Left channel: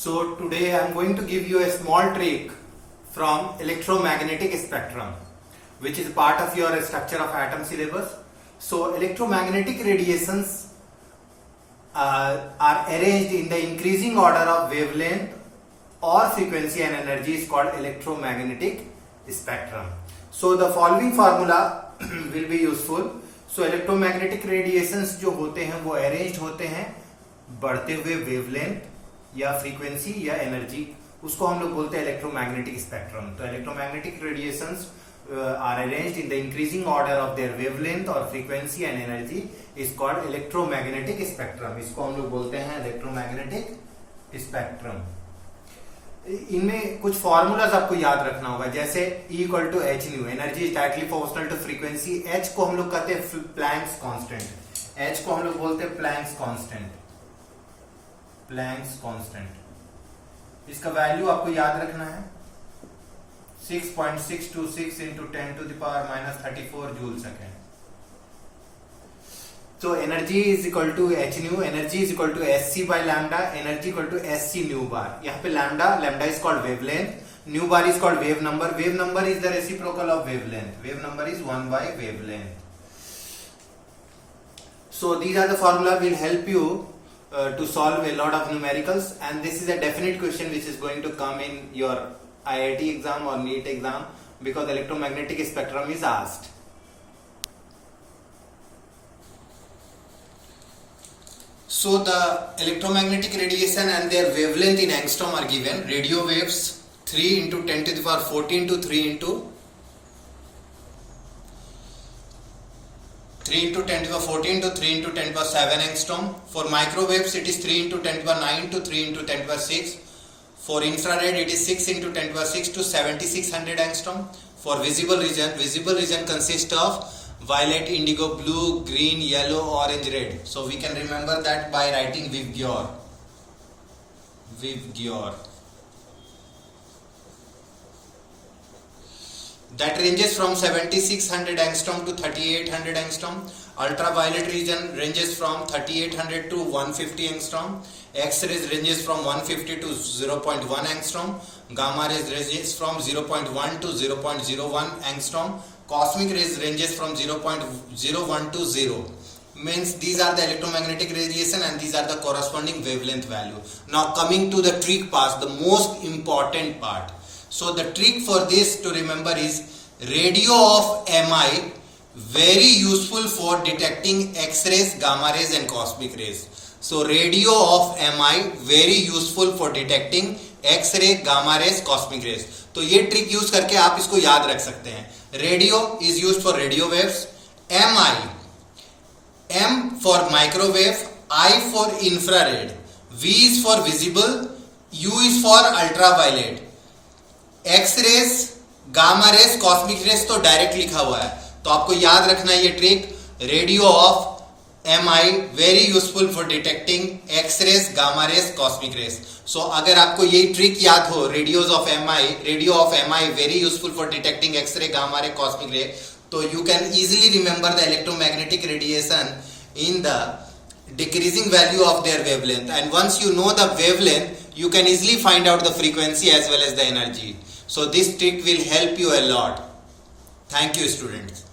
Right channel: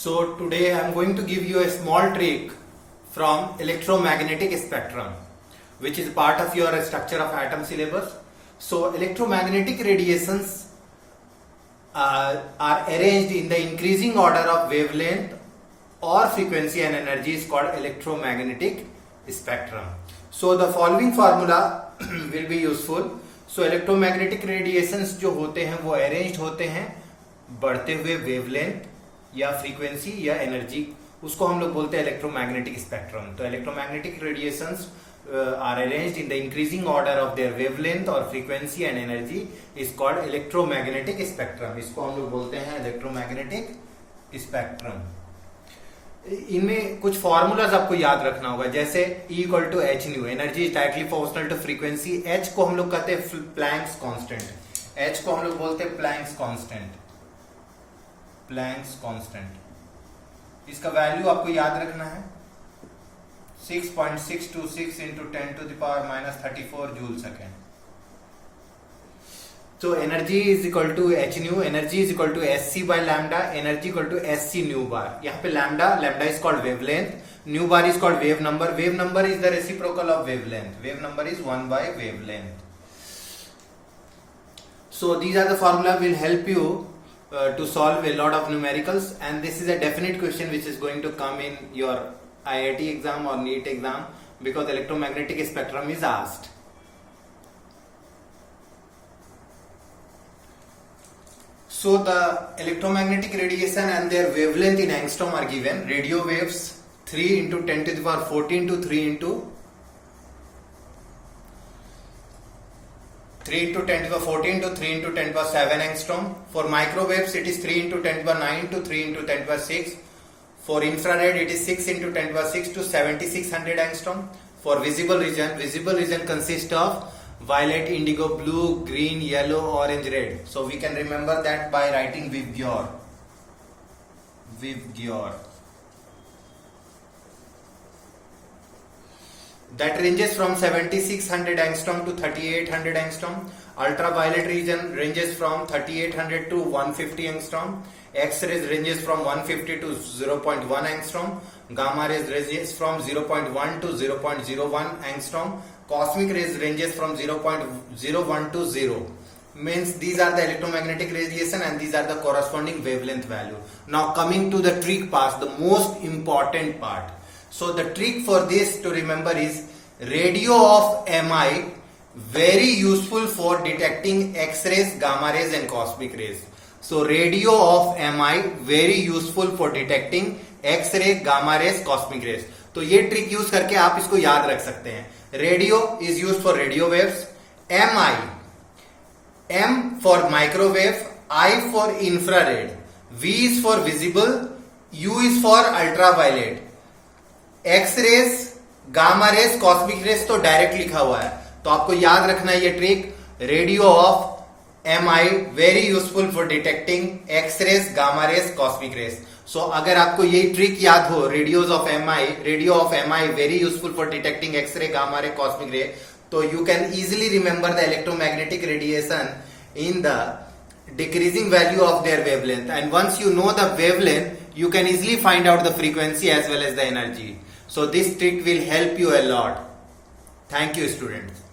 So today I am going to give you a small trick from electromagnetic spectrum, which is part of your structure of atom syllabus. So electromagnetic radiations are arranged in the increasing order of wavelength or frequency and energy is called electromagnetic spectrum. So the following formula will be useful. So electromagnetic radiations जो होते हैं वो arranged होते हैं बढ़ते हुए wavelength या frequency या energy, उसको हम लोग बोलते हैं electromagnetic spectrum. तो electromagnetic radiations are arranged in the increasing order of their wavelength or frequency and energy is called electromagnetic spectrum. इसको हम लोग बोलते हैं electromagnetic spectrum. इनमें कुछ फॉर्मूलाज आपको याद रखना होगा, जैसे E equal to H nu, energy is directly proportional to frequency. H को हम लोग कहते हैं प्लैंक्स कांस्टेंट, H को हम लोग बोलते हैं प्लैंक्स कांस्टेंट. प्लैंक्स कांस्टेंट इसका वैल्यू आपको याद रखना है 6.626 into 10 to the power minus 34 joule second. So energy is equal to h nu, energy is equal to sc by lambda, energy equal to sc nu bar. यहाँ पे lambda is called wavelength, nu bar is called wave number. Wave number is the reciprocal of wavelength. Wave number is 1 by wavelength. So these are the formula will help you to solve a lot of numericals, and this is a definite question which is going to come in your IIT exam or NEET exam because electromagnetic spectrum is asked. So the electromagnetic radiation and their wavelength in angstrom are given. Radio waves 3 into 10 to the power 14 to 3 into 10 to the power 14 to 3 into 10 to the power 7 angstrom. For microwaves it is 3 into 10 to the power 9 to 3 into 10 to the power 6. For infrared it is 6 into 10 to the power 6 to 7600 angstrom. For visible region consists of violet, indigo, blue, green, yellow, orange, red. So we can remember that by writing Vibgyor. That ranges from 7600 angstrom to 3800 angstrom. Ultraviolet region ranges from 3800 to 150 angstrom. X-rays ranges from 150 to 0.1 angstrom. Gamma rays ranges from 0.1 to 0.01 angstrom. Cosmic rays ranges from 0.01 to 0. Means these are the electromagnetic radiation and these are the corresponding wavelength value. Now coming to the trick part, the most important part. So the trick for this to remember is radio of MI very useful for detecting X-rays, gamma rays and cosmic rays. So radio of MI very useful for detecting X-ray, gamma rays, cosmic rays. तो ये trick use करके आप इसको याद रख सकते हैं. Radio is use for radio waves, M for microwave, I for infrared, V is for visible, U is for ultraviolet. X-rays, gamma rays, cosmic rays तो डायरेक्ट लिखा हुआ है, तो आपको याद रखना है ये trick. Radio of MI very useful for detecting X-rays, gamma rays, cosmic rays. So अगर आपको ये ट्रिक याद हो, radio of MI very useful for detecting X-ray, gamma ray, cosmic ray, तो you can easily remember the electromagnetic radiation in the decreasing value of their wavelength. And once you know the wavelength, you can easily find out the frequency as well as the energy. So this trick will help you a lot. Thank you, students.